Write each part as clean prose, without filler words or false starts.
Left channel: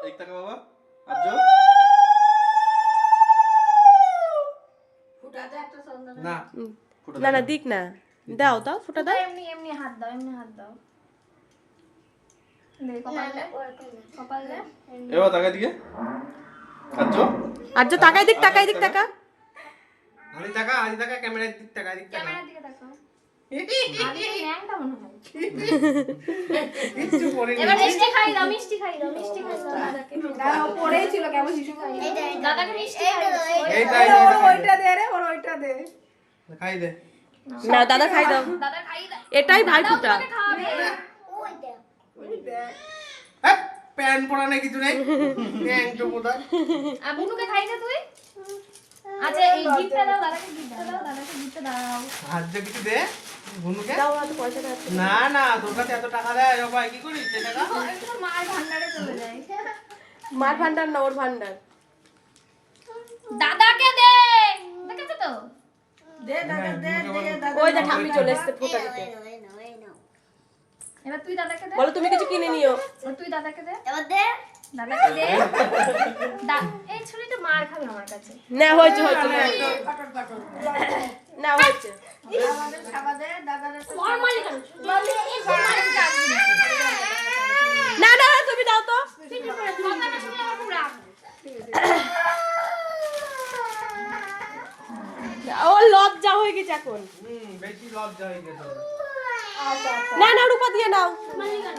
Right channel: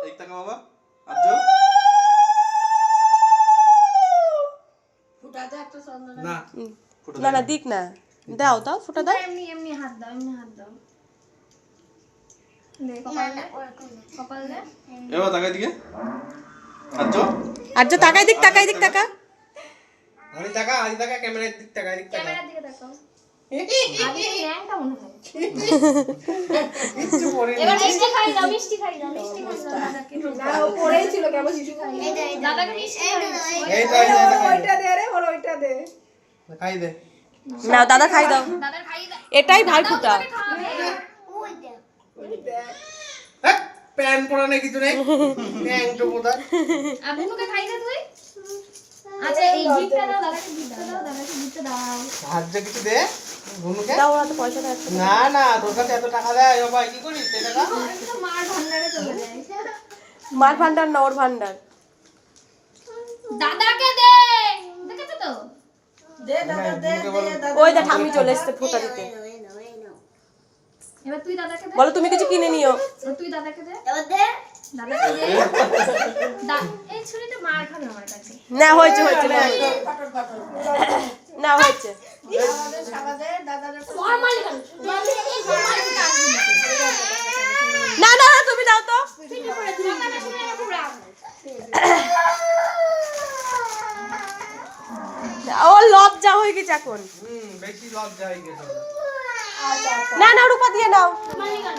এই টাকা বাবা আজো ফুটাতে একটা চন্দন না না না দিক না দাও দাও ফুটা দাও এমনি এমনি হাত দাও এমনি হাত দাও দে কপাল দে কপাল দে এবার তাকাই দিকে আজো আর্য তাকাই দিক তাকা আদি টাকা ক্যামেরার দিক টাকা দিক টাকা ক্যামেরার দিকে দেখো আদি ল্যাংটা মনে হয় কিছু পরে এবার মিষ্টি খাই দাও মিষ্টি খাই দাও দাদাকে দাঁড়াও পড়েই ছিল কেমন শিশু খাই দাদাকে মিষ্টি খাই দাও এইটা ওইটা দে রে ওর ওইটা দে খাই দে না দাদা খাই দাও দাদা খাই দাও এটাই ভাই ফুটা হ্যাঁ প্যান পরা নেই কিছু নেই প্যান তো পোদা আর বুনুকে খাই দে তুই আচ্ছা এই গিফটটা দাও দাদাকে গিফটটা দাও সাহায্য কিছু দে ভুনুকে দাও হাতে পয়সা দাও না না তোর কাছে এত টাকা দেয় ও ভাই কি করিস এই টাকা মার ভান্ডারে চলে যায় মার ভান্ডার না ওর ভান্ডার দাদাকে দে দেখেছো তো দে দাদা দে দাদা ওই দা ঠাম্মি চলে এসেছে ফুটা দিতে এবার তুই দাদাকে দে বলো তুমি কিছু কিনে নিও এবার তুই দাদাকে দে এবার দে দাদাকে দে এই ছুরিটা মার খাবে আমার কাছে না হয়েছে পাটল পাটল না হয়েছে আমাদের খাবার দে দাদার নরমাল কেন একটু মার কাছে না না তুমি দাও তো কথাটা শুনে খুব রাগ ও লজ্জা হয়ে গেছে এখন বেশি লজ্জা হয়ে গেছে না না রূপা দিয়ে নাও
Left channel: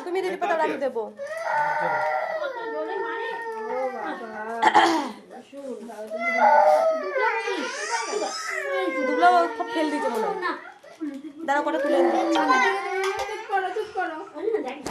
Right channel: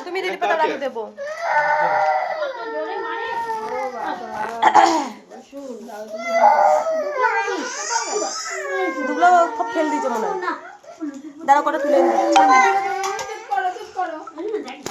তুমি দিদি পাতা রাখি দেবো জোরে মারে দুগুলো ফেল দিয়েছে মনে হয় দাঁড়া করে তুলে নিই চুপ করো